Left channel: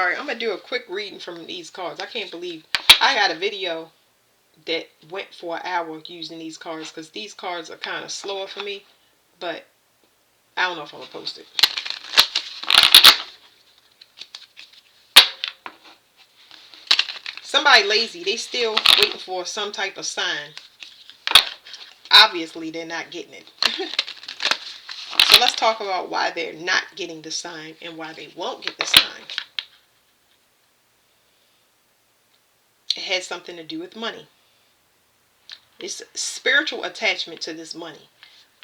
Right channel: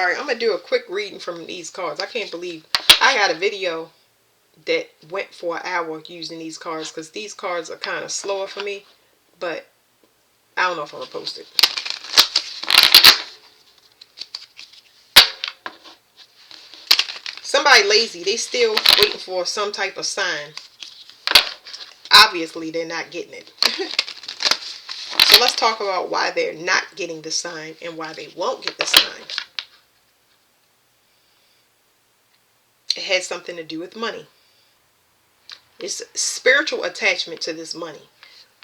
Alright, I'm going to do a quick reading from these cards. I can't believe I had a video that went for an hour using these cards, because these cards are kind of slower for me, but I don't know if I'm going to post it. Somebody lazy. They still waiting for some type of sign. Obviously, they're not getting it. So let's talk about why they're not getting the sign and why they won't get the sign. It has something to do with money. It's spiritual attachment to this money.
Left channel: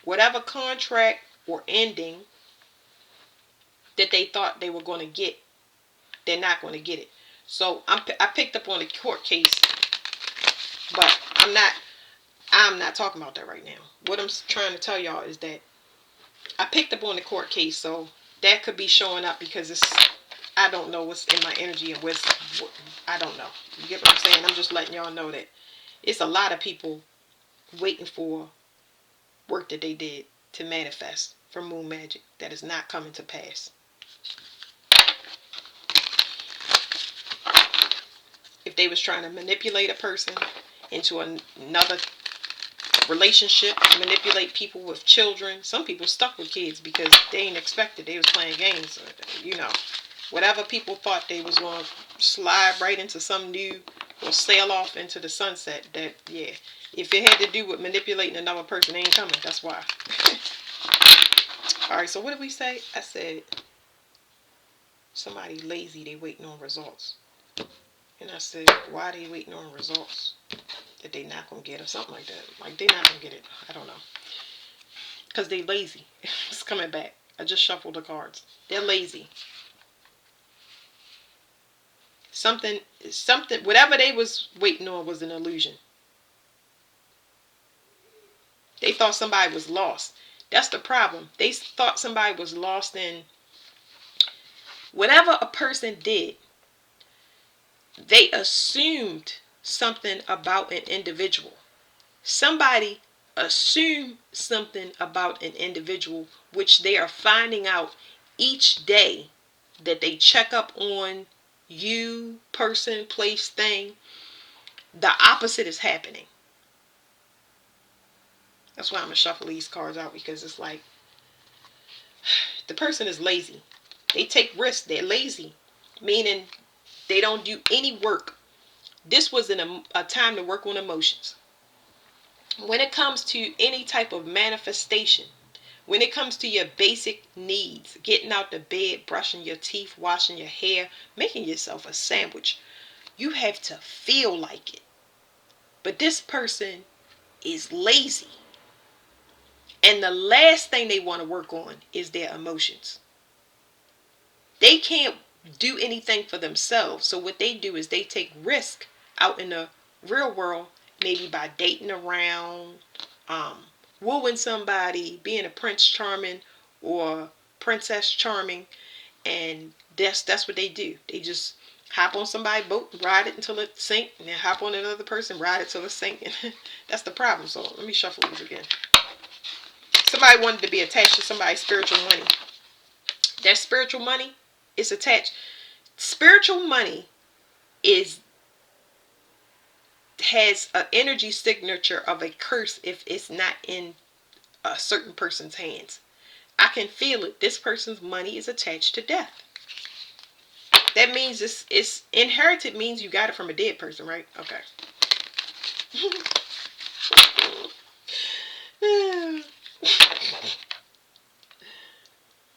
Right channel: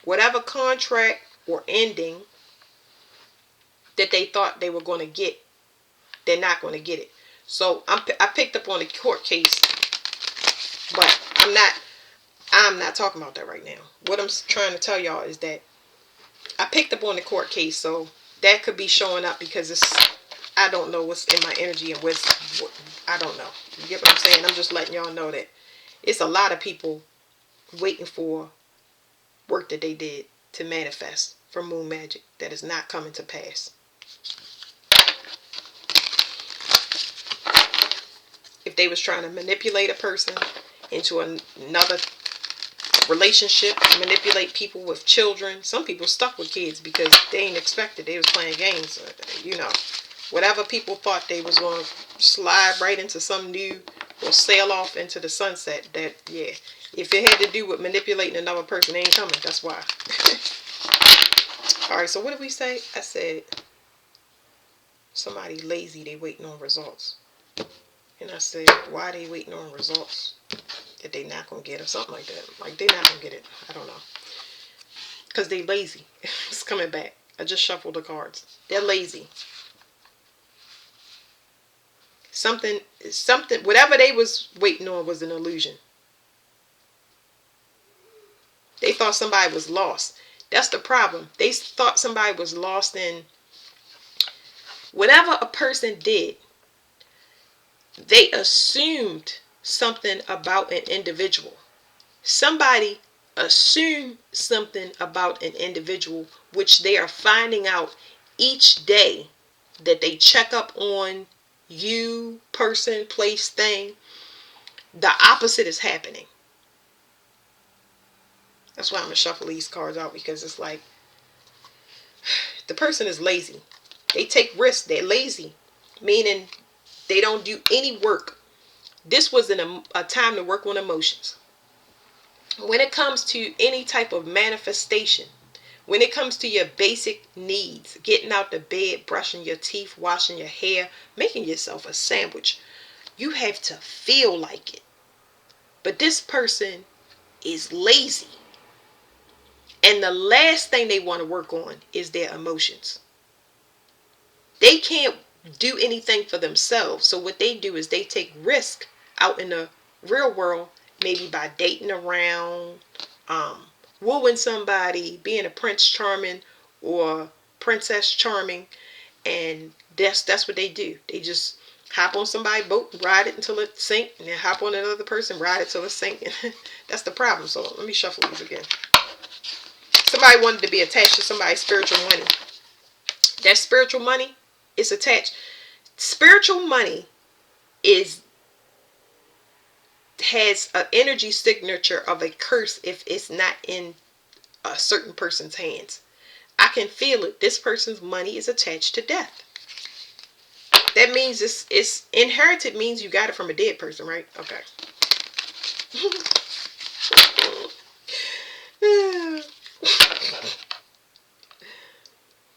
Whatever contract or ending that they thought they were going to get, they're not going to get it. So I picked up on a court case, but I'm not talking about that right now. What I'm trying to tell y'all is that I picked up on the court case, so that could be showing up because I don't know what's in my energy and I don't know. You get what I'm saying? I'm just letting y'all know that it's a lot of people waiting for work that they did to manifest from moon magic that is not coming to pass. If they was trying to manipulate a person into another relationship, manipulate people with children. Some people stuck with kids because they ain't expected. They was playing games, you know. Whatever people thought they was going to slide right into some new or sail off into the sunset, that, yeah. If it had to do with manipulating another person, they ain't coming. That's why. Alright, so what did we say? I said, somebody lazy, they waiting on results. And I said, why are they waiting on results that they not going to get or something like that? Like, they not going to get it. I don't know. Because they lazy. It's coming back. I just shuffled the cards. They're lazy. Something, whatever they was waiting on was an illusion. They thought somebody was lost. That's the problem. They thought somebody was lost in whatever a person did. They assumed something about an individual. Somebody assumed something about an individual, which they are finding out each day that they check up on you, person, place, thing. The opposite is happening. That's why I'm going to shuffle these cards out, because it's like the person is lazy. They take risks. They're lazy, meaning they don't do any work. This was a time to work on emotions. When it comes to any type of manifestation, when it comes to your basic needs, getting out the bed, brushing your teeth, washing your hair, making yourself a sandwich, you have to feel like it. But this person is lazy. And the last thing they want to work on is their emotions. They can't do anything for themselves. So what they do is they take risk out in the real world, maybe by dating around, wooing somebody, being a Prince Charming or Princess Charming, and that's what they do. They just hop on somebody's boat, ride it until it sinks, and then hop on another person, ride it till it sinks. That's the problem. So let me shuffle these again. Somebody wanted to be attached to somebody's spiritual money. That spiritual money is attached. Spiritual money has an energy signature of a curse if it's not in a certain person's hands. I can feel it. This person's money is attached to death. That means it's inherited, means you got it from a dead person, right? Okay.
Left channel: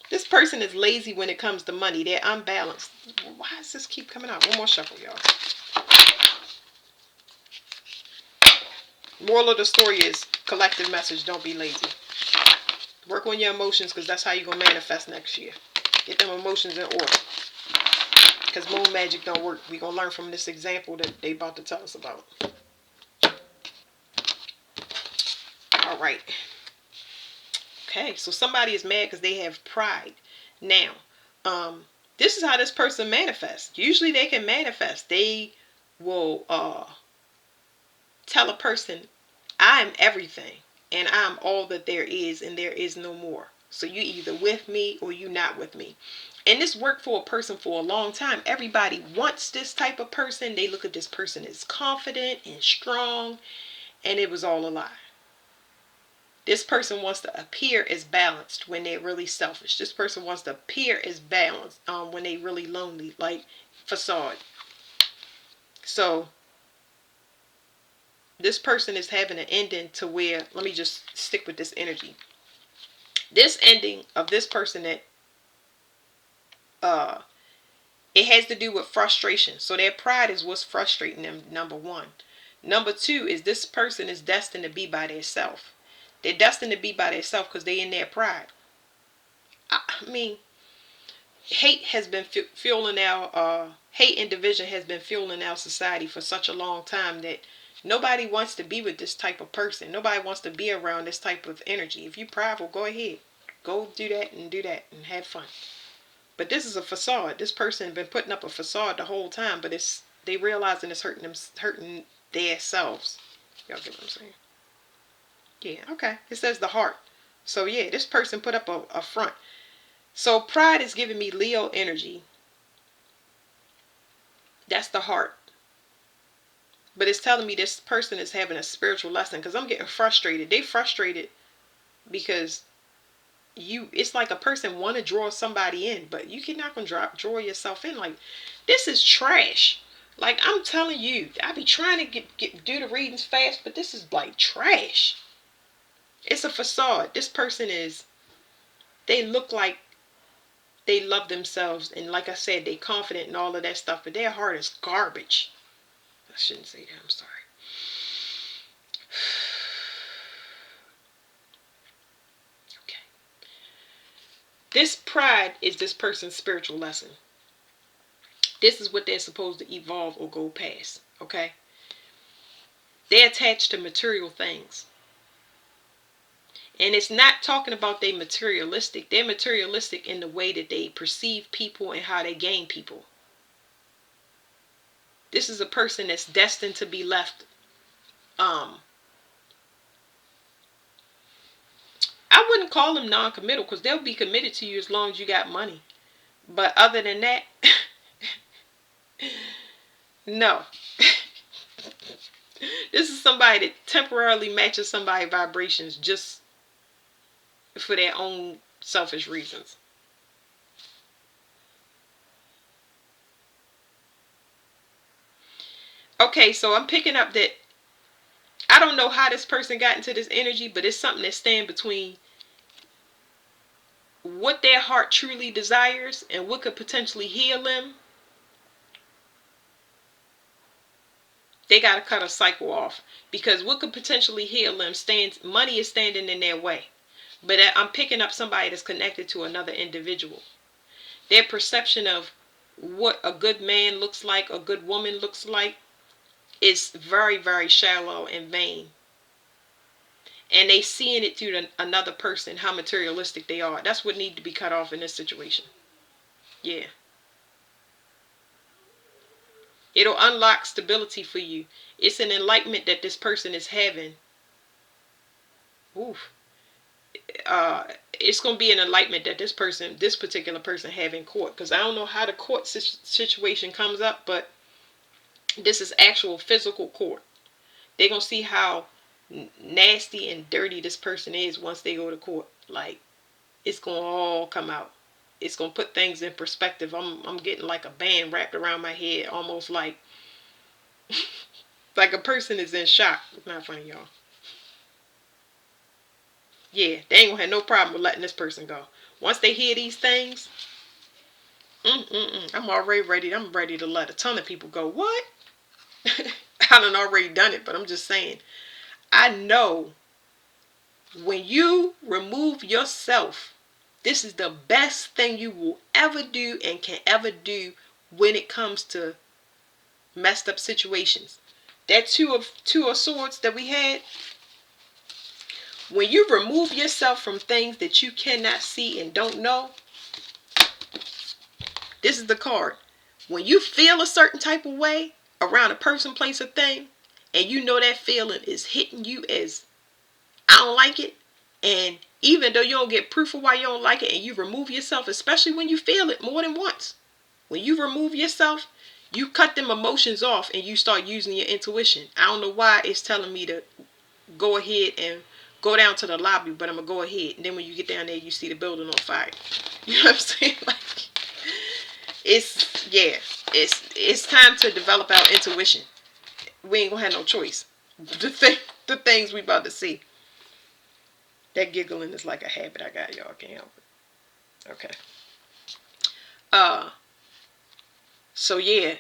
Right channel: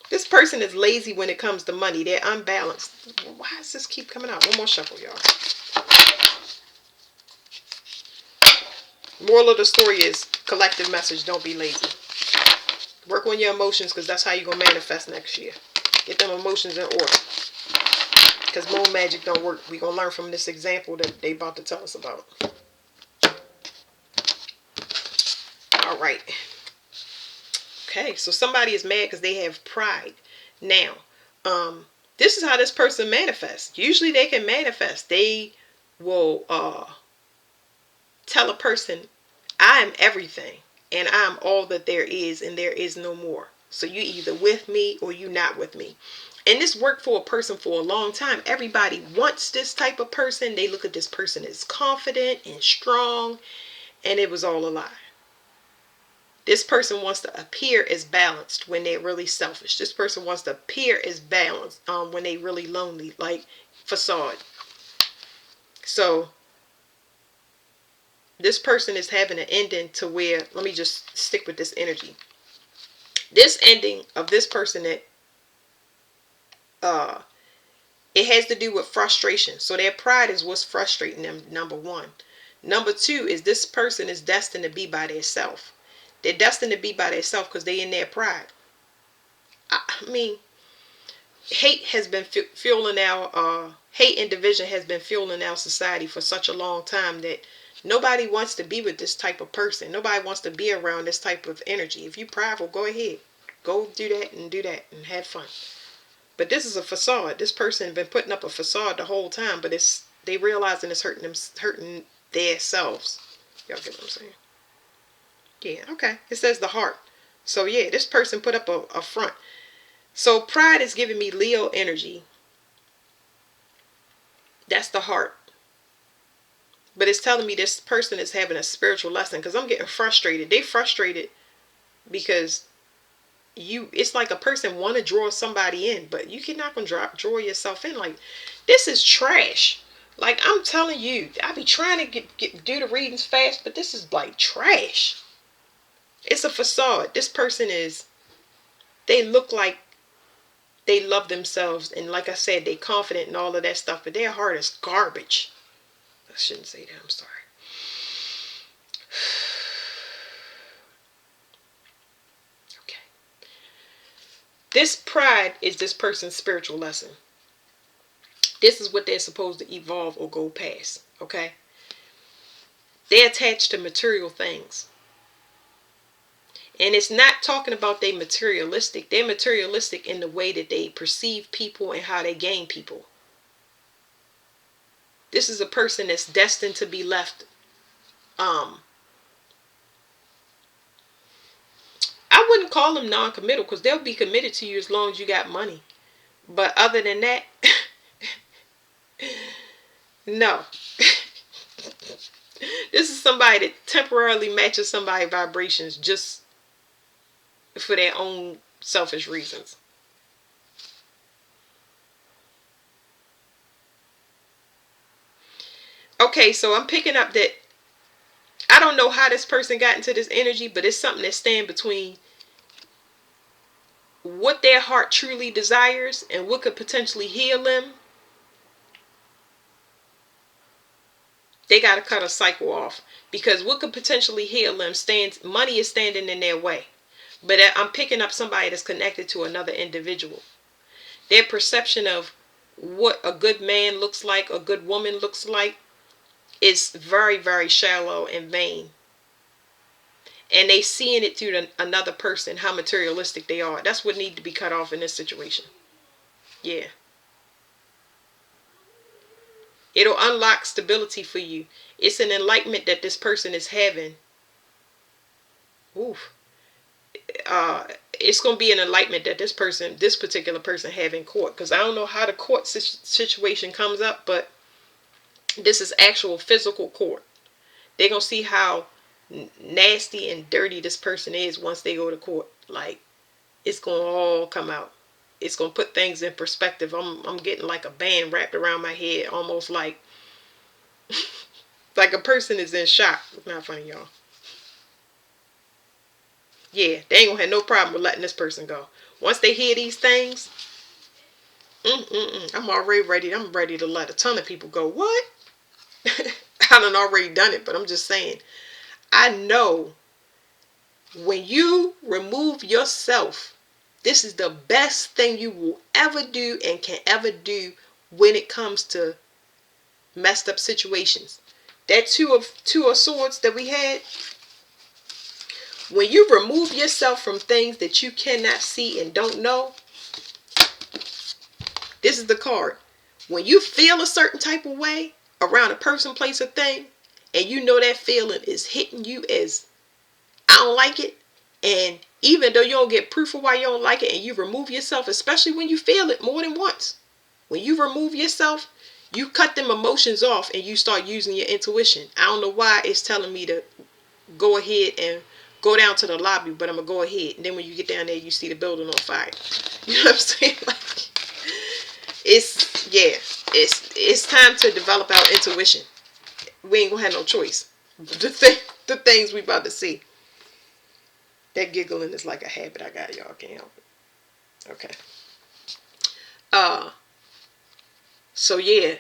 This person is lazy when it comes to money. They're unbalanced. Why does this keep coming out? One more shuffle, y'all. Moral of the story is, collective message, don't be lazy. Work on your emotions, because that's how you're going to manifest next year. Get them emotions in order. Because moon magic don't work. We're going to learn from this example that they about to tell us about. Alright. Okay, so somebody is mad because they have pride. Now, this is how this person manifests. Usually they can manifest. They will tell a person, I am everything, and I'm all that there is, and there is no more. So you either with me or you not with me. And this worked for a person for a long time. Everybody wants this type of person. They look at this person as confident and strong, and it was all a lie. This person wants to appear as balanced when they're really selfish. This person wants to appear as balanced when they're really lonely, like facade. So this person is having an ending to where, let me just stick with this energy. This ending of this person that it has to do with frustration. So their pride is what's frustrating them, number one. Number two is this person is destined to be by themselves. They're destined to be by themselves because they're in their pride. I mean, hate has been fueling our hate and division has been fueling our society for such a long time that nobody wants to be with this type of person. Nobody wants to be around this type of energy. If you're prideful, go ahead. Go do that and have fun. But this is a facade. This person has been putting up a facade the whole time, but they realizing it's hurting their selves. Y'all get what I'm saying? Yeah, okay. It says the heart. So yeah, this person put up a front. So pride is giving me Leo energy. That's the heart. But it's telling me this person is having a spiritual lesson because I'm getting frustrated. They frustrated because it's like a person want to draw somebody in, but you cannot gonna draw yourself in. Like, this is trash. Like, I'm telling you, I be trying to do the readings fast, but this is like trash. It's a facade. This person they look like they love themselves, and like I said, they confident and all of that stuff, but their heart is garbage. I shouldn't say that, I'm sorry. This pride is this person's spiritual lesson. This is what they're supposed to evolve or go past, okay? They're attached to material things. And it's not talking about they materialistic. They're materialistic in the way that they perceive people and how they gain people. This is a person that's destined to be left I wouldn't call them non-committal because they'll be committed to you as long as you got money. But other than that, no. This is somebody that temporarily matches somebody's vibrations just for their own selfish reasons. Okay, so I'm picking up that I don't know how this person got into this energy, but it's something that stands between what their heart truly desires and what could potentially heal them. They got to cut a cycle off because what could potentially heal them money is standing in their way. But I'm picking up somebody that's connected to another individual. Their perception of what a good man looks like, a good woman looks like, is very, very shallow and vain. And they seeing it through another person, how materialistic they are. That's what needs to be cut off in this situation. Yeah. It'll unlock stability for you. It's an enlightenment that this person is having. Oof. It's going to be an enlightenment that this particular person have in court. Because I don't know how the court situation comes up, but this is actual physical court. They're going to see how nasty and dirty this person is once they go to court. Like, it's going to all come out. It's going to put things in perspective. I'm getting like a band wrapped around my head, almost like like a person is in shock. It's not funny, y'all. Yeah, they ain't gonna have no problem with letting this person go. Once they hear these things, I'm already ready. I'm ready to let a ton of people go. What? I done already done it, but I'm just saying. I know when you remove yourself, this is the best thing you will ever do and can ever do when it comes to messed up situations. That two of swords that we had, when you remove yourself from things that you cannot see and don't know, this is the card. When you feel a certain type of way around a person, place, or thing, and you know that feeling is hitting you as I don't like it, and Even though you don't get proof of why you don't like it, and you remove yourself, especially when you feel it more than once. When you remove yourself, you cut them emotions off and you start using your intuition. I don't know why it's telling me to go ahead and go down to the lobby, but I'm going to go ahead. And then when you get down there, you see the building on fire. You know what I'm saying? Like, it's time to develop our intuition. We ain't going to have no choice. The things we about to see. That giggling is like a habit I got, y'all. Can't help it. Okay. So yeah,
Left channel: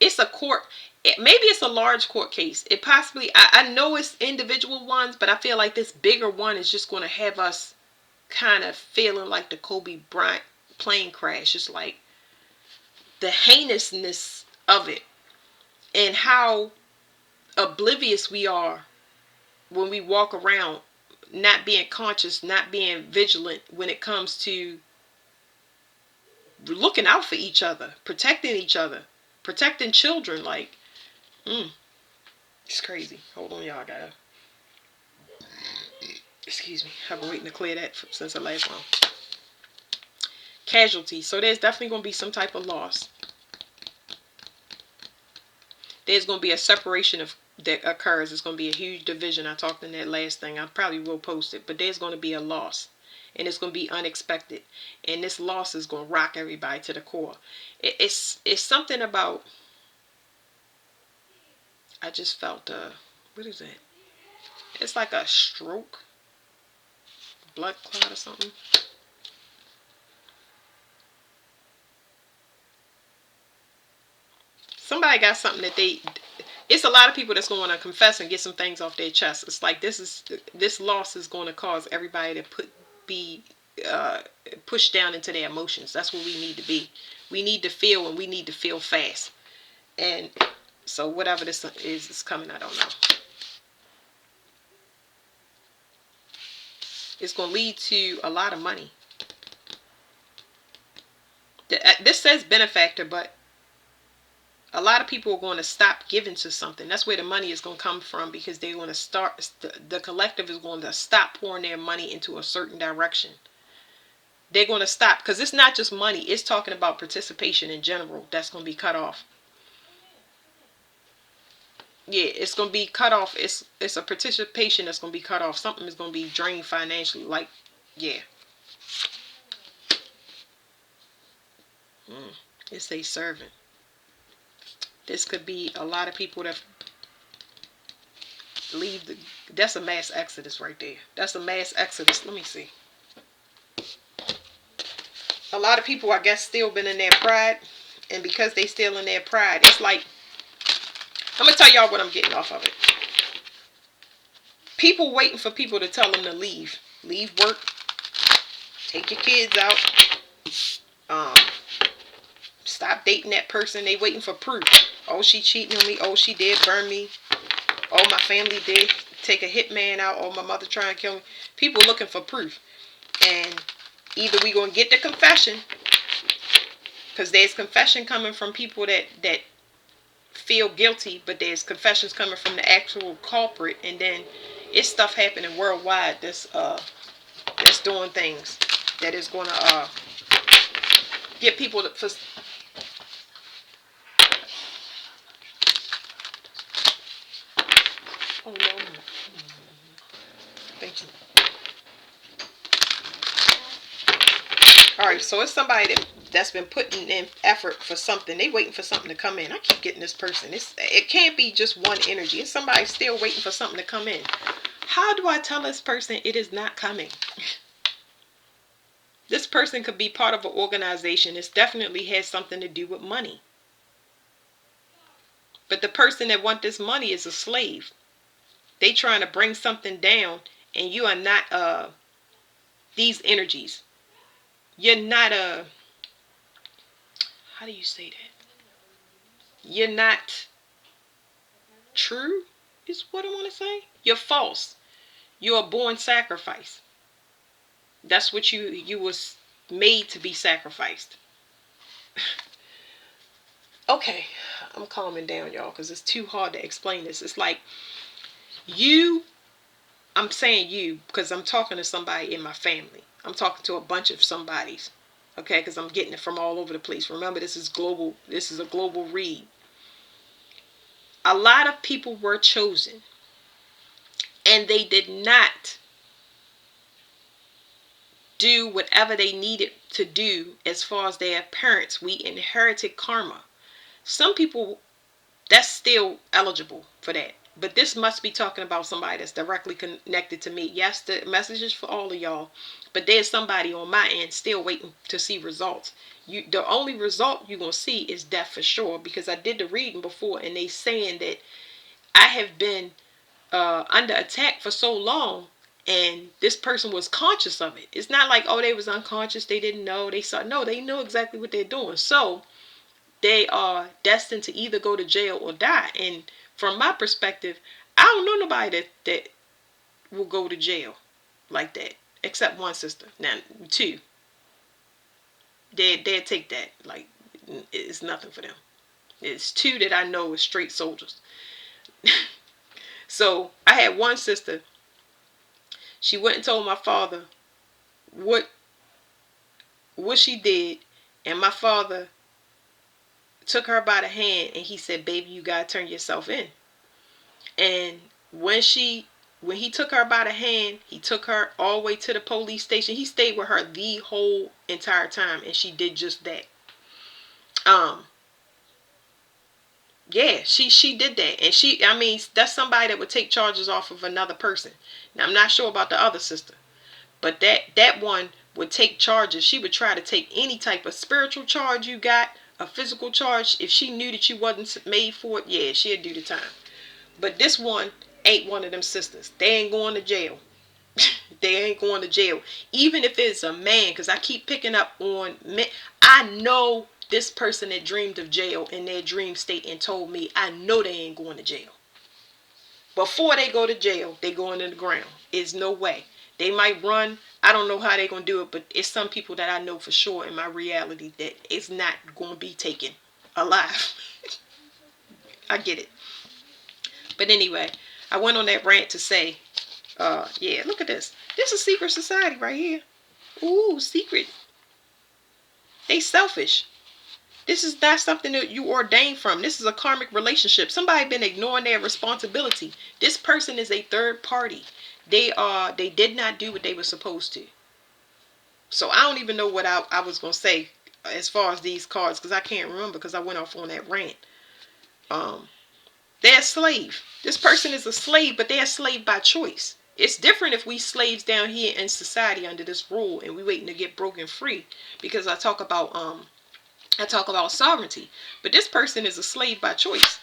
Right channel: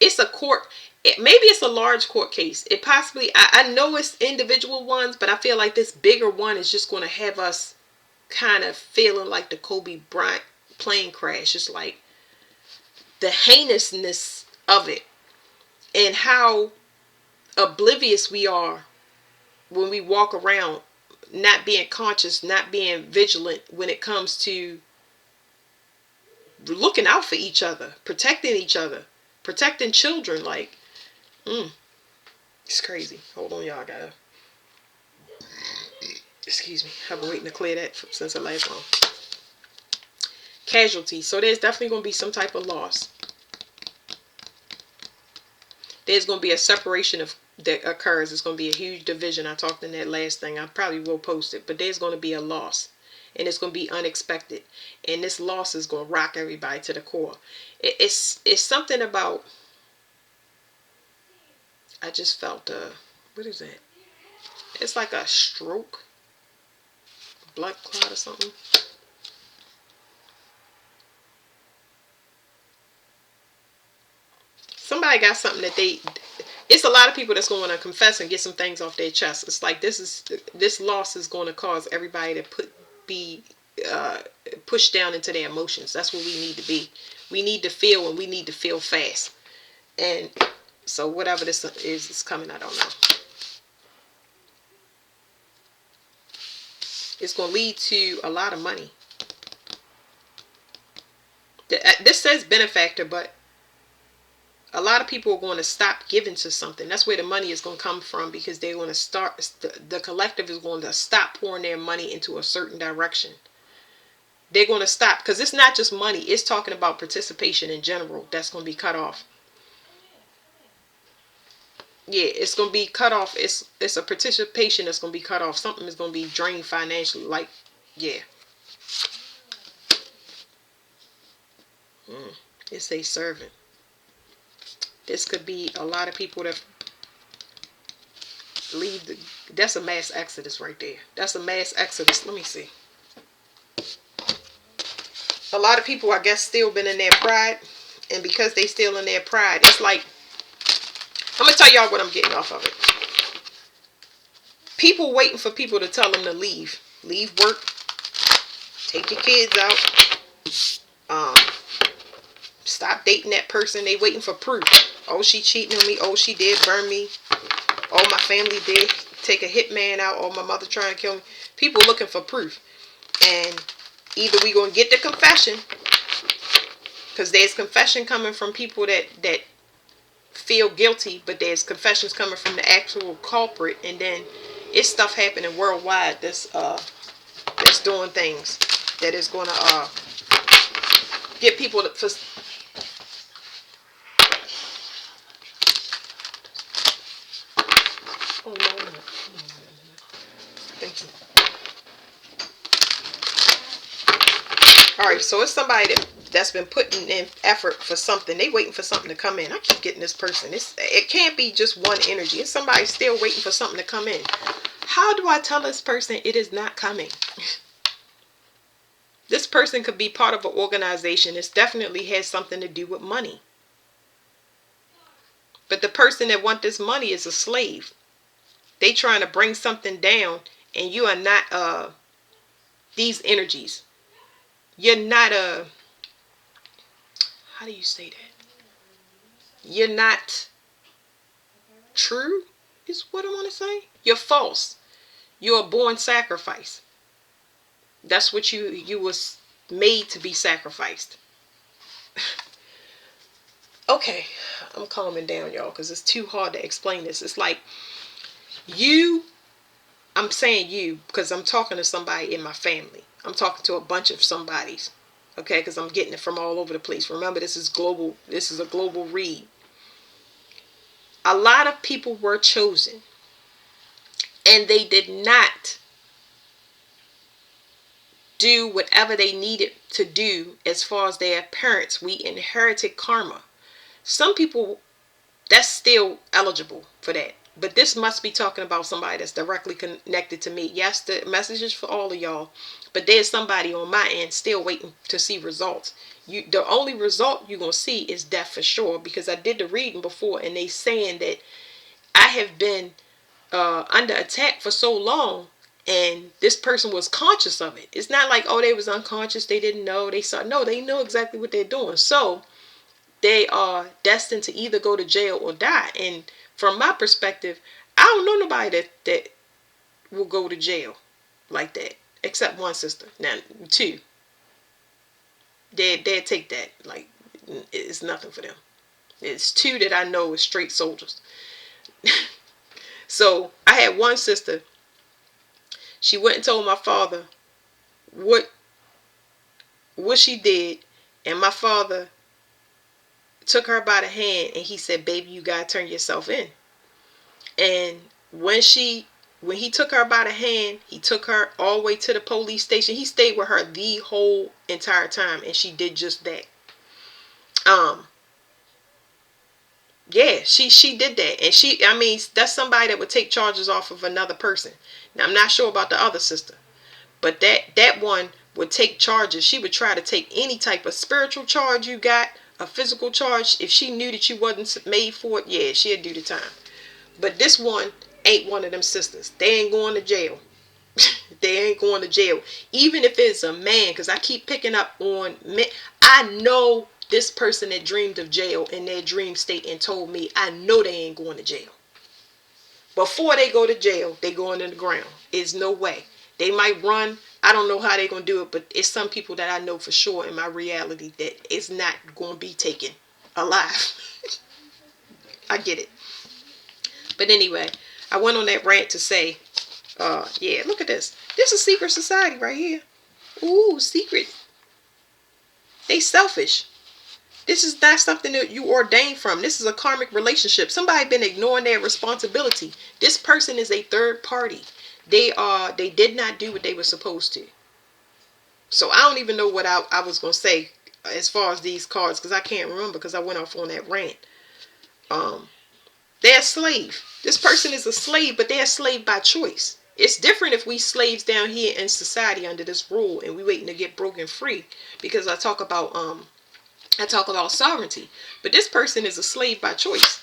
it's a court. Maybe it's a large court case. It possibly, I know it's individual ones, but I feel like this bigger one is just going to have us kind of feeling like the Kobe Bryant plane crash. It's like the heinousness of it and how oblivious we are when we walk around not being conscious, not being vigilant when it comes to looking out for each other, protecting children. Like, it's crazy. Hold on, y'all. Excuse me. I've been waiting to clear that since the last one. Casualty. So there's definitely going to be some type of loss. There's going to be a separation that occurs. It's going to be a huge division. I talked in that last thing. I probably will post it. But there's going to be a loss. And it's going to be unexpected. And this loss is going to rock everybody to the core. It's something about... I just felt what is that? It's like a stroke. Blood clot or something. Somebody got something that it's a lot of people that's going to confess and get some things off their chest. It's like this loss is going to cause everybody to be pushed down into their emotions. That's what we need to be. We need to feel, and we need to feel fast. And so whatever this is coming, I don't know. It's going to lead to a lot of money. This says benefactor, but a lot of people are going to stop giving to something. That's where the money is going to come from, because they're going to start, the collective is going to stop pouring their money into a certain direction. They're going to stop, because it's not just money. It's talking about participation in general. That's going to be cut off. Yeah, it's going to be cut off. It's a participation that's going to be cut off. Something is going to be drained financially. Like, yeah. It's a servant. This could be a lot of people that leave. That's a mass exodus right there. That's a mass exodus. Let me see. A lot of people, I guess, still been in their pride. And because they still in their pride, it's like, I'm going to tell y'all what I'm getting off of it. People waiting for people to tell them to leave. Leave work. Take your kids out. Stop dating that person. They waiting for proof. Oh, she cheating on me. Oh, she did burn me. Oh, my family did take a hitman out. Oh, my mother trying to kill me. People looking for proof. And either we going to get the confession, because there's confession coming from people that feel guilty, but there's confessions coming from the actual culprit, and then it's stuff happening worldwide that's doing things that is going to get people to... Oh, no. Thank you. Alright, so it's somebody that's been putting in effort for something. They waiting for something to come in. I keep getting this person. It can't be just one energy. It's somebody still waiting for something to come in. How do I tell this person it is not coming? This person could be part of an organization. It definitely has something to do with money. But the person that wants this money is a slave. They trying to bring something down, and you are not these energies. You're not how do you say that? You're not true, is what I want to say. You're false. You're a born sacrifice. That's what you was made to be sacrificed. Okay, I'm calming down, y'all, because it's too hard to explain this. It's like you I'm saying you because I'm talking to somebody in my family. I'm talking to a bunch of somebodies. Okay, because I'm getting it from all over the place. Remember, this is global. This is a global read. A lot of people were chosen, and they did not do whatever they needed to do as far as their parents. We inherited karma. Some people, that's still eligible for that. But this must be talking about somebody that's directly connected to me. Yes, the message is for all of y'all. But there's somebody on my end still waiting to see results. The only result you're going to see is death for sure. Because I did the reading before, and they saying that I have been under attack for so long, and this person was conscious of it. It's not like, oh, they was unconscious, they didn't know, they saw. No, they know exactly what they're doing. So they are destined to either go to jail or die. And from my perspective, I don't know nobody that will go to jail like that, except one sister. Now, two, they'd take that like it's nothing for them. It's two that I know is straight soldiers. So I had one sister. She went and told my father what she did, and my father took her by the hand and he said, "Baby, you gotta turn yourself in." And when he took her by the hand, he took her all the way to the police station. He stayed with her the whole entire time, and she did just that. Yeah, she did that. And I mean, that's somebody that would take charges off of another person. Now, I'm not sure about the other sister, but that one would take charges. She would try to take any type of spiritual charge you got, a physical charge. If she knew that you wasn't made for it, yeah, she'd do the time. But this one ain't one of them sisters. They ain't going to jail. They ain't going to jail. Even if it's a man, because I keep picking up on men. I know this person that dreamed of jail in their dream state and told me, I know they ain't going to jail. Before they go to jail, they going in the ground. There's no way. They might run. I don't know how they're going to do it, but it's some people that I know for sure in my reality that it's not going to be taken alive. I get it. But anyway, I went on that rant to say, yeah, look at this. This is secret society right here. Ooh, secret. They selfish. This is not something that you ordained from. This is a karmic relationship. Somebody been ignoring their responsibility. This person is a third party. They did not do what they were supposed to. So I don't even know what I was going to say as far as these cards, because I can't remember because I went off on that rant. They're a slave. This person is a slave, but they're a slave by choice. It's different if we slaves down here in society under this rule and we waiting to get broken free, because I talk about sovereignty. But this person is a slave by choice.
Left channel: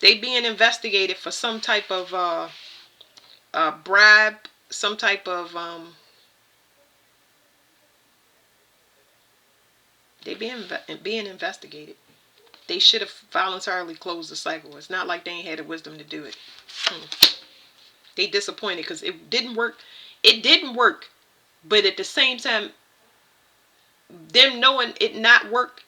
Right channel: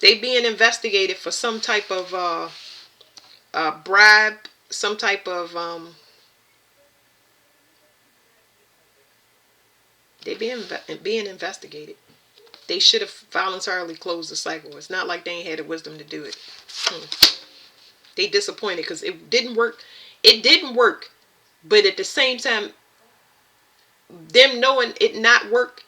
They being investigated for some type of bribe, some type of they being investigated. They should have voluntarily closed the cycle. It's not like they ain't had the wisdom to do it. They disappointed because it didn't work. It didn't work. But at the same time, them knowing it not work,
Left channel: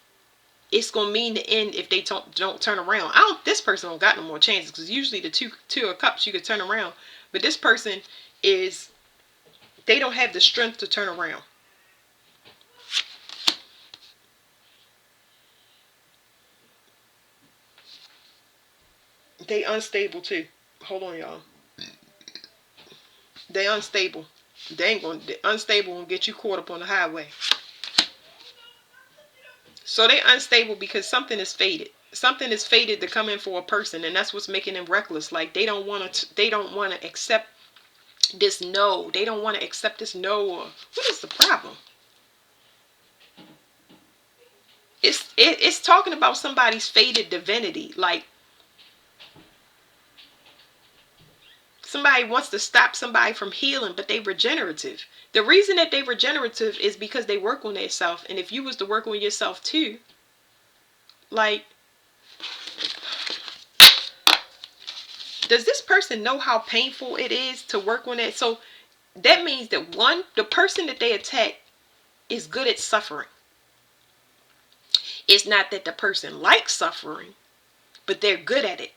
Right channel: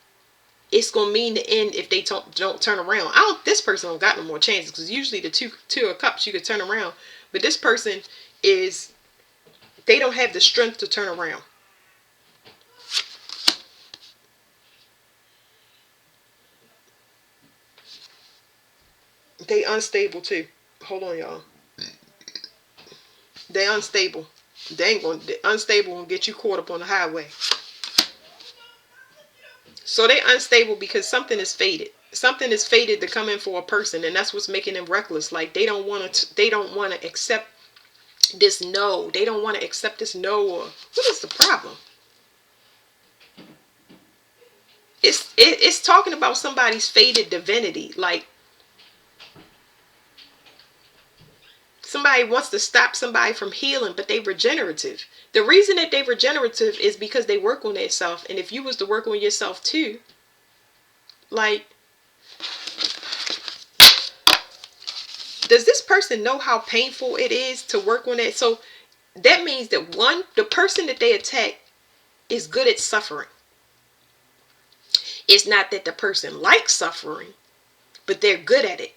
it's gonna mean the end if they don't turn around. This person don't got no more chances, because usually the two of cups you could turn around, but this person they don't have the strength to turn around. They unstable too. Hold on, y'all. They unstable. Unstable will get you caught up on the highway. So they unstable because something is fated. Something is fated to come in for a person, and that's what's making them reckless. Like they don't want to accept this no. They don't want to accept this no. Or what is the problem? It's talking about somebody's fated divinity. Like somebody wants to stop somebody from healing, but they regenerative. The reason that they regenerative is because they work on themselves. And if you was to work on yourself too, like, does this person know how painful it is to work on it? So that means that the person that they attack is good at suffering. It's not that the person likes suffering, but they're good at it.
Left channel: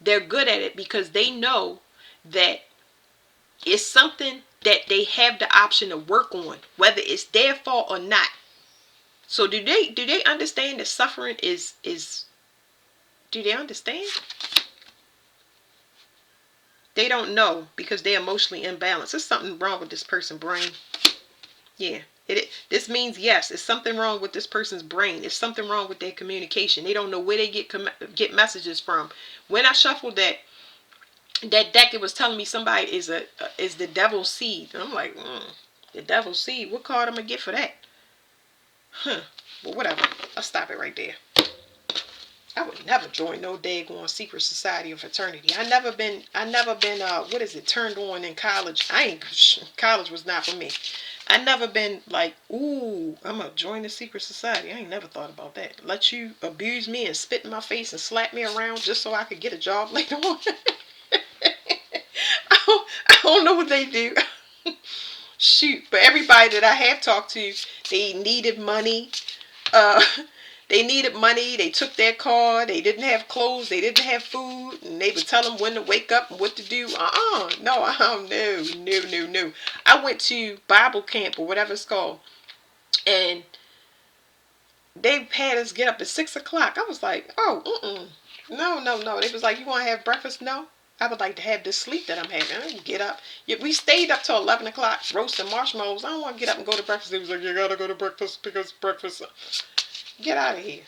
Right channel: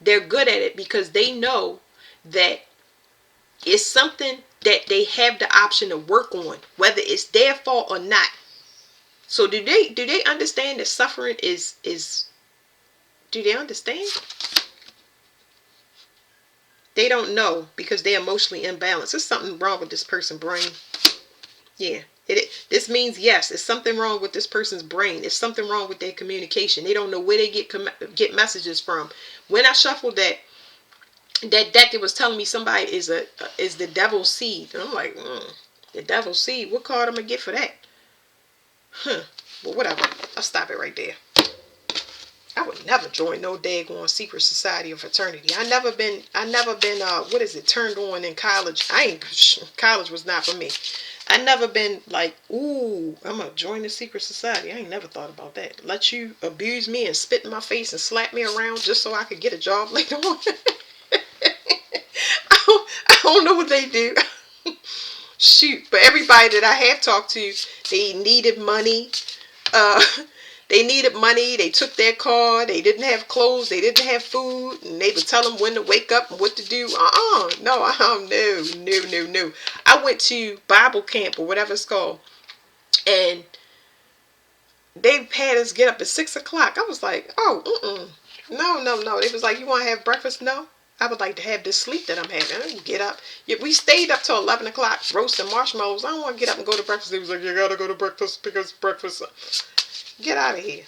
They're good at it because they know that it's something that they have the option to work on, whether it's their fault or not. So do they understand that suffering is do they understand? They don't know because they're emotionally imbalanced. There's something wrong with this person's brain. Yeah. This means yes, there's something wrong with this person's brain. There's something wrong with their communication. They don't know where they get messages from. When I shuffled that deck, it was telling me somebody is the devil's seed. And I'm like, the devil's seed. What card I'm gonna get for that? Huh. Well, whatever. I'll stop it right there. I would never join no daggone secret society or fraternity. I never been what is it, turned on in college. College was not for me. I never been like, ooh, I'm gonna join the secret society. I ain't never thought about that. Let you abuse me and spit in my face and slap me around just so I could get a job later on. I don't know what they do. Shoot, but everybody that I have talked to, they needed money. They took their car. They didn't have clothes. They didn't have food. And they would tell them when to wake up and what to do. No. I went to Bible camp or whatever it's called. And they had us get up at 6 o'clock. I was like, no. They was like, you want to have breakfast? No. I would like to have this sleep that I'm having. I didn't get up. We stayed up till 11 o'clock roasting marshmallows. I don't want to get up and go to breakfast. They was like, you got to go to breakfast because breakfast. Get out of here.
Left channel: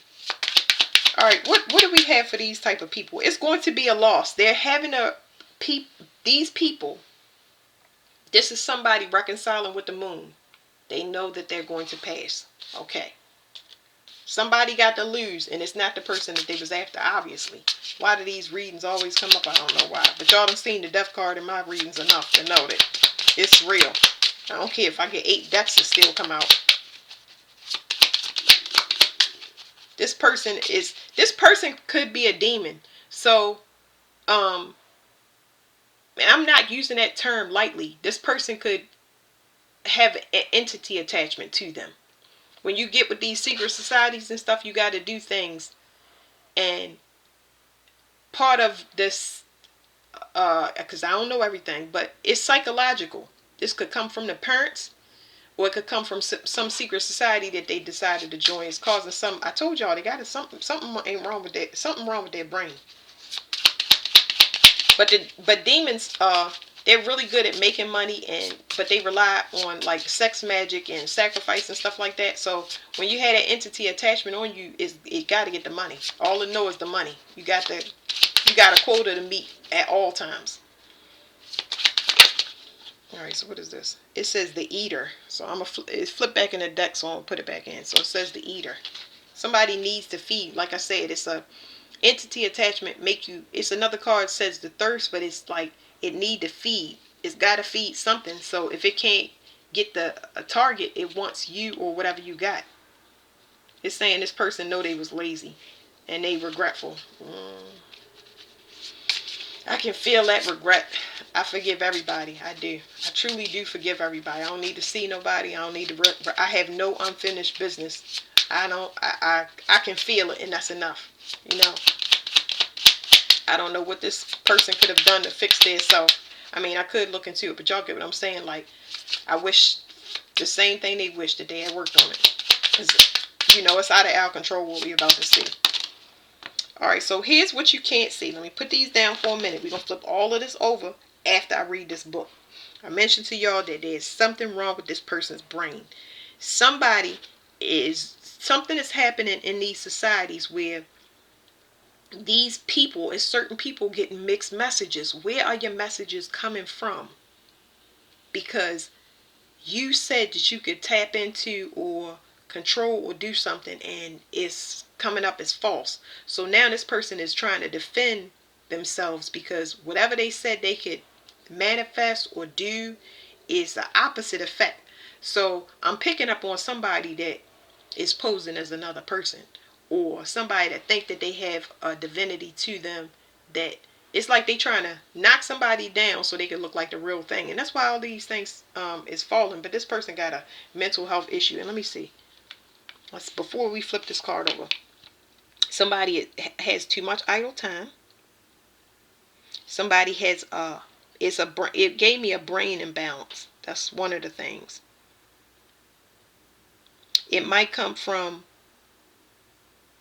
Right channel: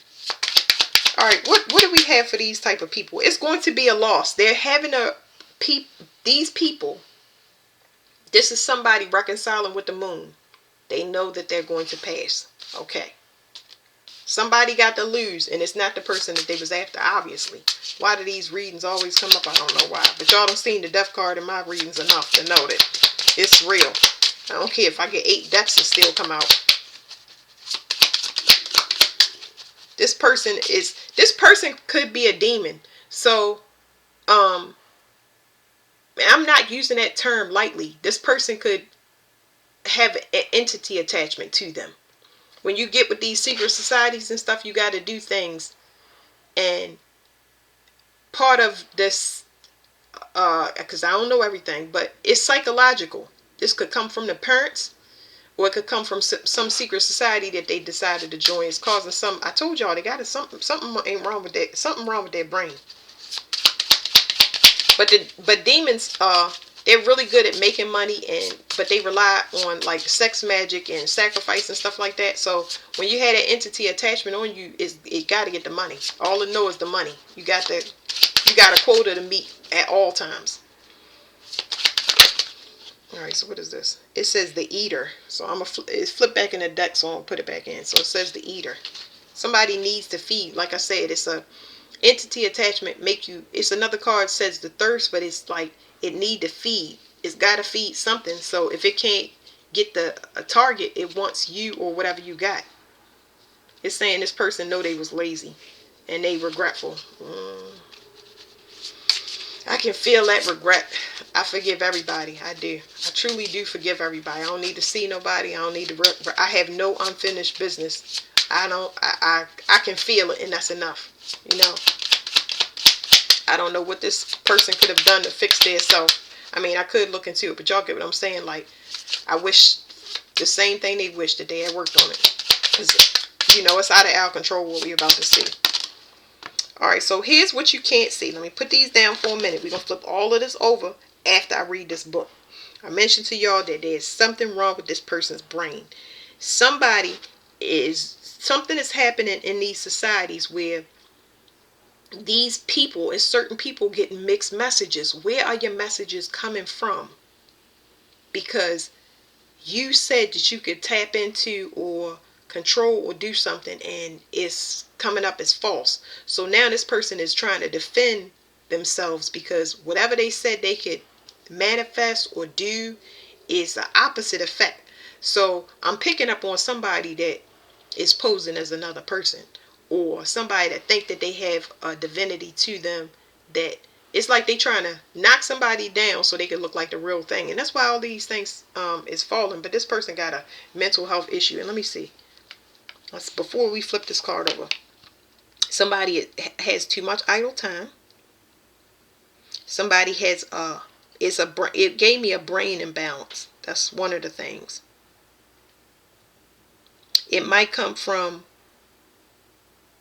All right, what do we have for these type of people? It's going to be a loss. They're having these people. This is somebody reconciling with the moon. They know that they're going to pass. Okay. Somebody got to lose, and it's not the person that they was after, obviously. Why do these readings always come up? I don't know why. But y'all done seen the death card in my readings enough to know that it's real. I don't care if I get 8 deaths, it still come out. This person could be a demon. So, I'm not using that term lightly. This person could have an entity attachment to them. When you get with these secret societies and stuff, you got to do things. And part of this, because I don't know everything, but it's psychological. This could come from the parents, or it could come from some secret society that they decided to join. It's causing some. I told y'all they got something ain't wrong with that. Something wrong with their brain. But demons, they're really good at making money, but they rely on like sex magic and sacrifice and stuff like that. So when you had an entity attachment on you, it got to get the money. All it knows is the money. You got a quota to meet at all times. All right, so what is this? It says the eater. So it's flip back in the deck, so I'm gonna put it back in. So it says the eater. Somebody needs to feed. Like I said, it's a entity attachment. It's another card says the thirst, but it's like it need to feed. It's got to feed something. So if it can't get a target, it wants you or whatever you got. It's saying this person know they was lazy and they regretful. I can feel that regret. I forgive everybody. I do. I truly do forgive everybody. I don't need to see nobody. I don't need to. I have no unfinished business. I can feel it, and that's enough. You know. I don't know what this person could have done to fix themselves. I mean, I could look into it, but y'all get what I'm saying. Like, I wish the same thing they wish that they had worked on it. Because, it's out of our control what we're about to see. Alright, so here's what you can't see. Let me put these down for a minute. We're going to flip all of this over after I read this book. I mentioned to y'all that there's something wrong with this person's brain. Something is happening in these societies where these people and certain people get mixed messages. Where are your messages coming from? Because you said that you could tap into or control or do something, and it's coming up as false. So now this person is trying to defend themselves because whatever they said they could manifest or do is the opposite effect. So I'm picking up on somebody that is posing as another person, or somebody that think that they have a divinity to them, that it's like they trying to knock somebody down so they can look like the real thing. And that's why all these things is falling. But this person got a mental health issue. And let me see. Before we flip this card over. Somebody has too much idle time. Somebody has it gave me a brain imbalance. That's one of the things. It might come from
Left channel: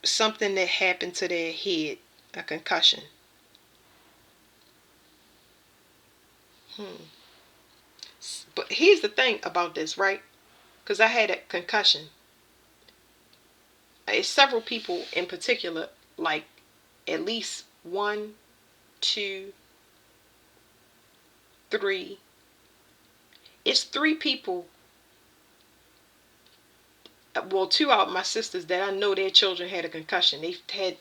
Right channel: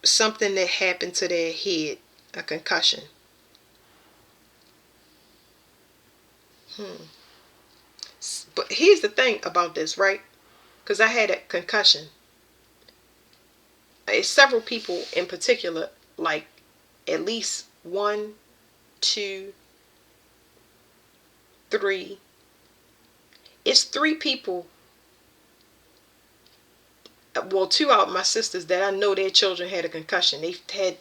something that happened to their head, a concussion. But here's the thing about this, right? Because I had a concussion. It's several people in particular, like at least one, two, three. It's three people. Well, two out of my sisters that I know their children had a concussion.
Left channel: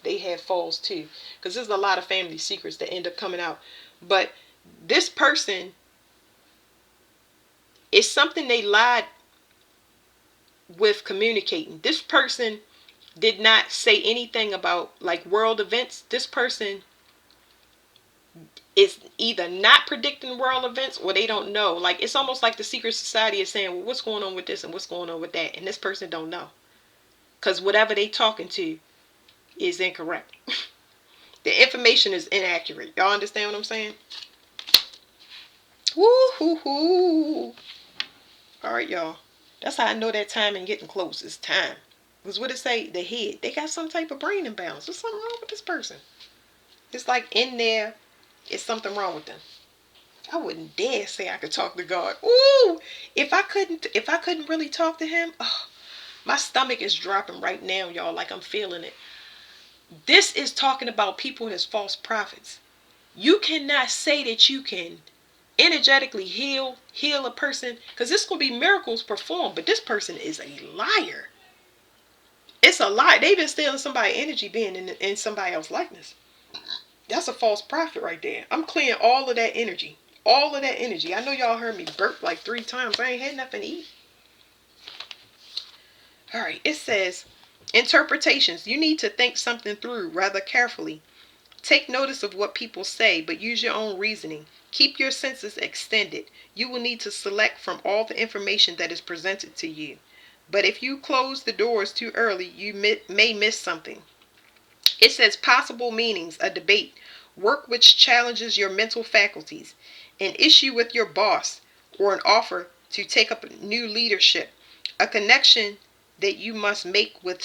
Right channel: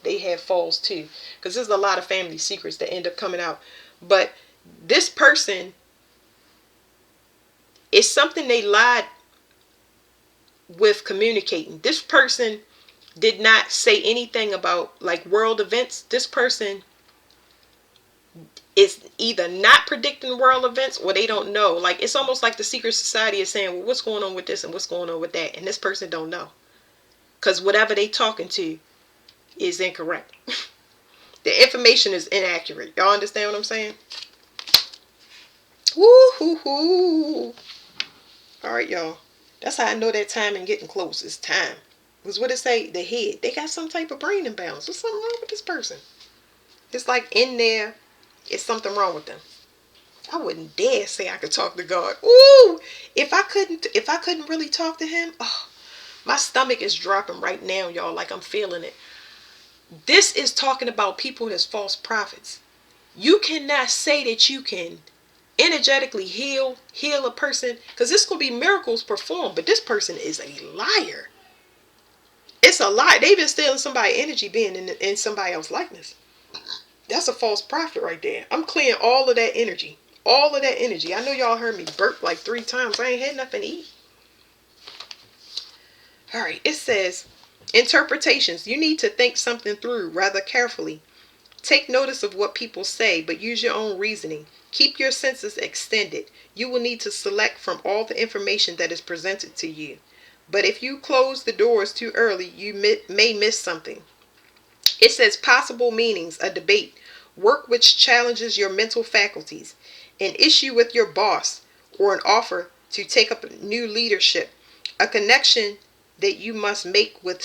They had falls too, because there's a lot of family secrets that end up coming out. But this person, it's something they lied with communicating. This person did not say anything about like world events. This person is either not predicting world events or they don't know. Like it's almost like the secret society is saying, well, what's going on with this and what's going on with that, and this person don't know, because whatever they talking to is incorrect. The information is inaccurate. Y'all understand what I'm saying? Woo hoo hoo. All right, y'all. That's how I know that time and getting close. It's time. Because what it say? The head. They got some type of brain imbalance. There's something wrong with this person. It's like in there, it's something wrong with them. I wouldn't dare say I could talk to God. Ooh, if I couldn't really talk to him, oh, my stomach is dropping right now, y'all. Like I'm feeling it. This is talking about people that's false prophets. You cannot say that you can energetically heal a person, because this could be miracles performed, but this person is a liar. It's a lie. They've been stealing somebody's energy being in somebody else's likeness. That's a false prophet right there. I'm clearing all of that energy. All of that energy. I know y'all heard me burp like 3 times. I ain't had nothing to eat. All right. It says, interpretations. You need to think something through rather carefully. Take notice of what people say, but use your own reasoning. Keep your senses extended. You will need to select from all the information that is presented to you. But if you close the doors too early, you may miss something. It says possible meanings, a debate, work which challenges your mental faculties, an issue with your boss, or an offer to take up new leadership, a connection that you must make with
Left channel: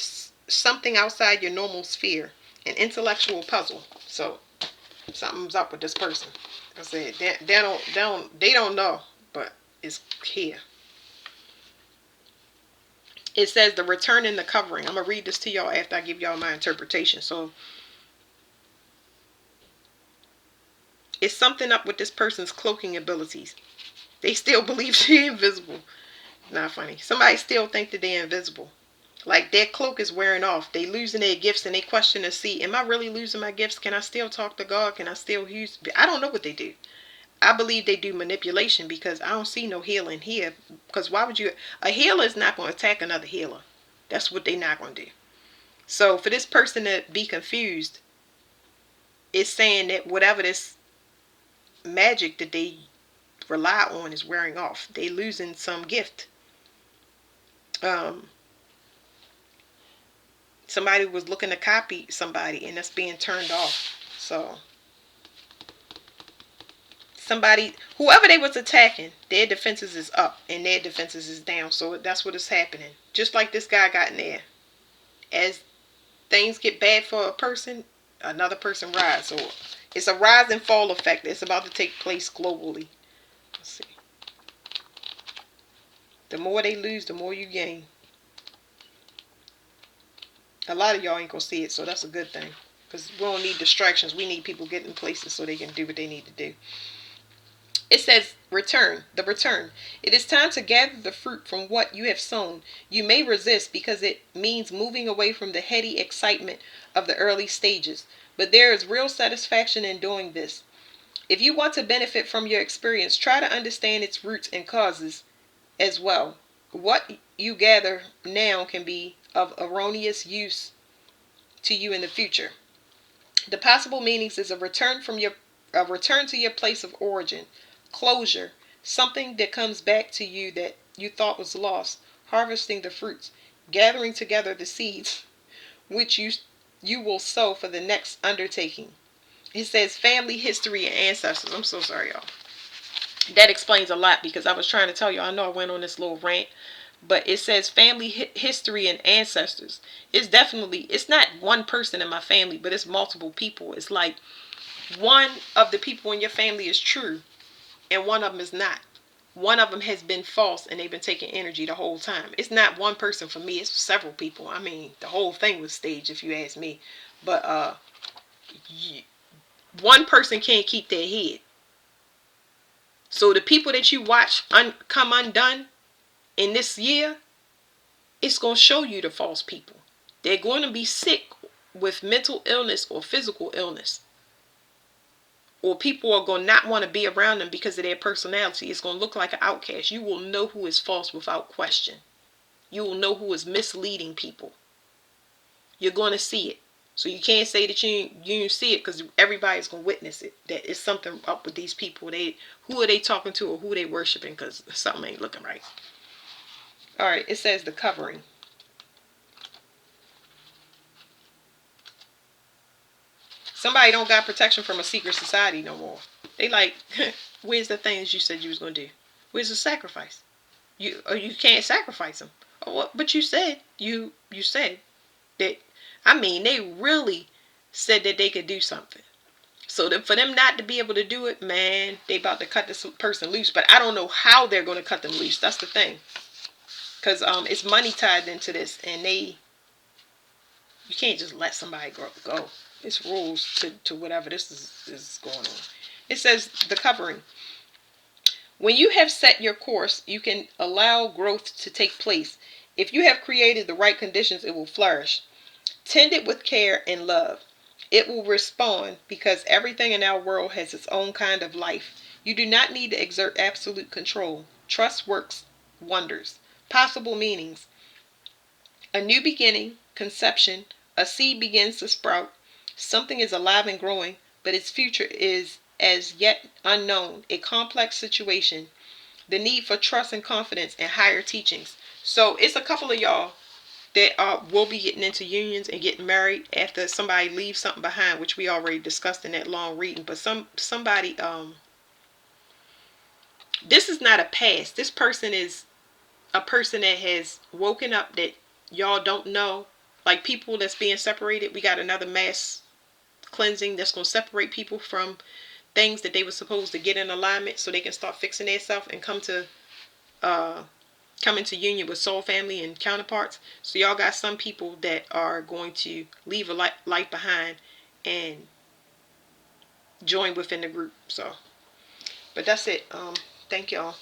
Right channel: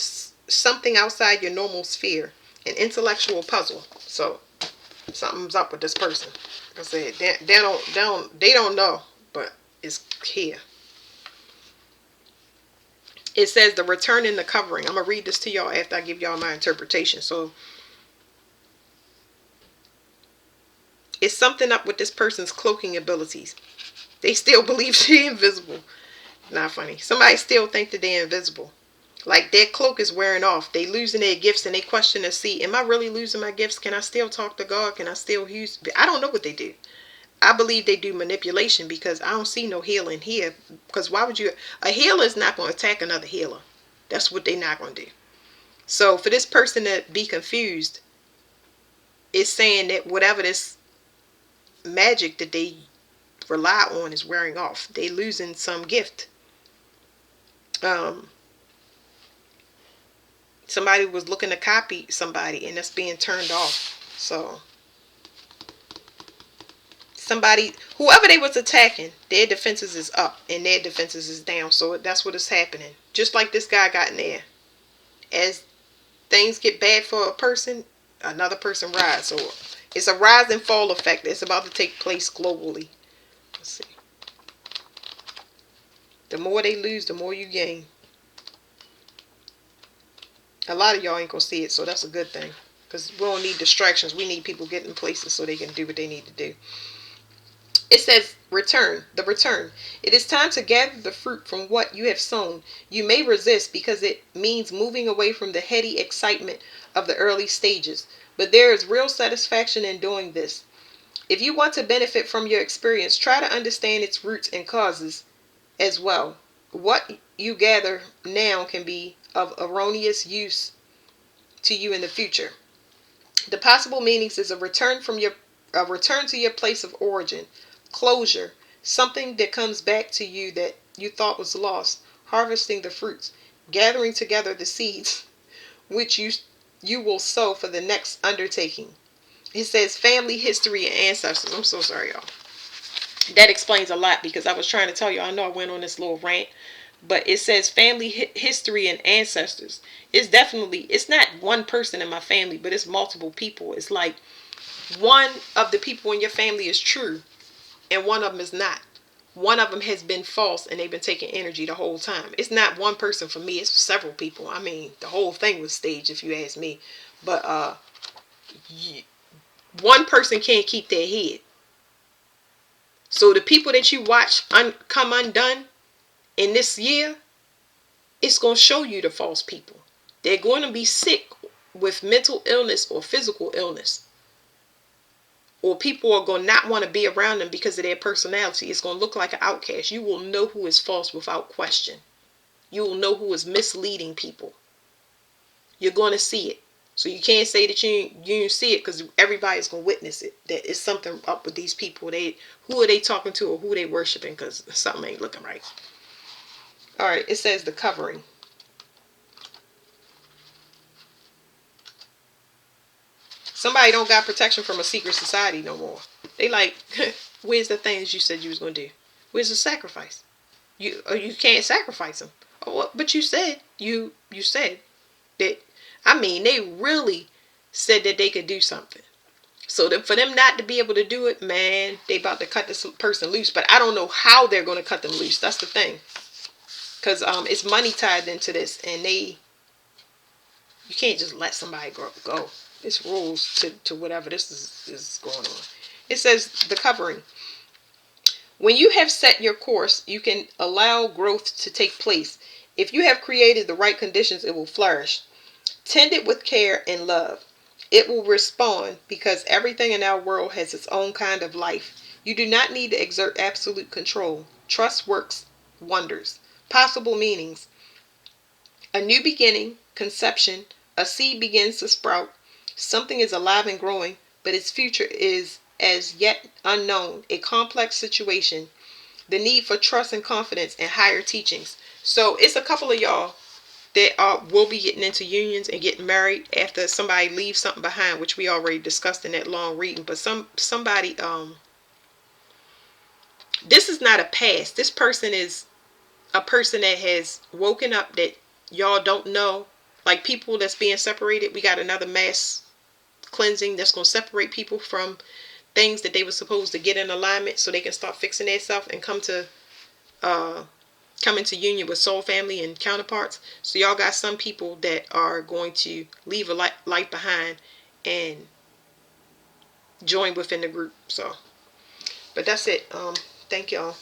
something outside your normal sphere, an intellectual puzzle. So something's up with this person. I said they don't know, but it's here. It says the return in the covering. I'm gonna read this to y'all after I give y'all my interpretation. So it's something up with this person's cloaking abilities. They still believe she's invisible. Not funny. Somebody still think that they're invisible. Like their cloak is wearing off. They losing their gifts and they question to see, am I really losing my gifts? Can I still talk to God? Can I still use? I don't know what they do. I believe they do manipulation, because I don't see no healing here. Because why would you? A healer is not going to attack another healer. That's what they're not going to do. So for this person to be confused, it's saying that whatever this magic that they rely on is wearing off. They losing some gift. Somebody was looking to copy somebody and that's being turned off. So somebody, whoever they was attacking, their defenses is up and their defenses is down. So that's what is happening. Just like this guy got in there. As things get bad for a person, another person rises. So it's a rise and fall effect that's about to take place globally. Let's see. The more they lose, the more you gain. A lot of y'all ain't gonna see it, so that's a good thing. Because we don't need distractions. We need people getting places so they can do what they need to do. It says return, the return. It is time to gather the fruit from what you have sown. You may resist because it means moving away from the heady excitement of the early stages. But there is real satisfaction in doing this. If you want to benefit from your experience, try to understand its roots and causes as well. What you gather now can be of erroneous use to you in the future. The possible meanings is a return to your place of origin, closure, something that comes back to you that you thought was lost, harvesting the fruits, gathering together the seeds which you will sow for the next undertaking. It says family history and ancestors. I'm so sorry, y'all. That explains a lot because I was trying to tell you, I know I went on this little rant, but it says family history and ancestors. It's not one person in my family, but it's multiple people. It's like one of the people in your family is true and one of them is not. One of them has been false and they've been taking energy the whole time. It's not one person for me, it's several people. I mean, the whole thing was staged if you ask me. But one person can't keep their head. So the people that you watch come undone in this year, it's going to show you the false people. They're going to be sick with mental illness or physical illness. Or people are going to not want to be around them because of their personality. It's going to look like an outcast. You will know who is false without question. You will know who is misleading people. You're going to see it. So you can't say that you didn't see it because everybody's going to witness it. That it's something up with these people. Who are they talking to or who are they worshiping, because something ain't looking right. All right, it says the covering. Somebody don't got protection from a secret society no more. They like, where's the things you said you was going to do? Where's the sacrifice? You can't sacrifice them. Oh, what? But you said said that. I mean, they really said that they could do something. So that for them not to be able to do it, man, they about to cut this person loose. But I don't know how they're going to cut them loose. That's the thing. Because it's money tied into this, and you can't just let somebody go. It's rules to whatever this is going on. It says the covering. When you have set your course, you can allow growth to take place. If you have created the right conditions, it will flourish. Tend it with care and love. It will respond because everything in our world has its own kind of life. You do not need to exert absolute control. Trust works wonders. Possible meanings. A new beginning, conception, a seed begins to sprout. Something is alive and growing, but its future is as yet unknown. A complex situation. The need for trust and confidence and higher teachings. So it's a couple of y'all that will be getting into unions and getting married after somebody leaves something behind, which we already discussed in that long reading. But somebody this is not a past. This person is a person that has woken up that y'all don't know. Like people that's being separated, we got another mass cleansing that's going to separate people from things that they were supposed to get in alignment so they can start fixing themselves and come into union with soul family and counterparts. So y'all got some people that are going to leave a life behind and join within the group. So, but that's it. Thank y'all.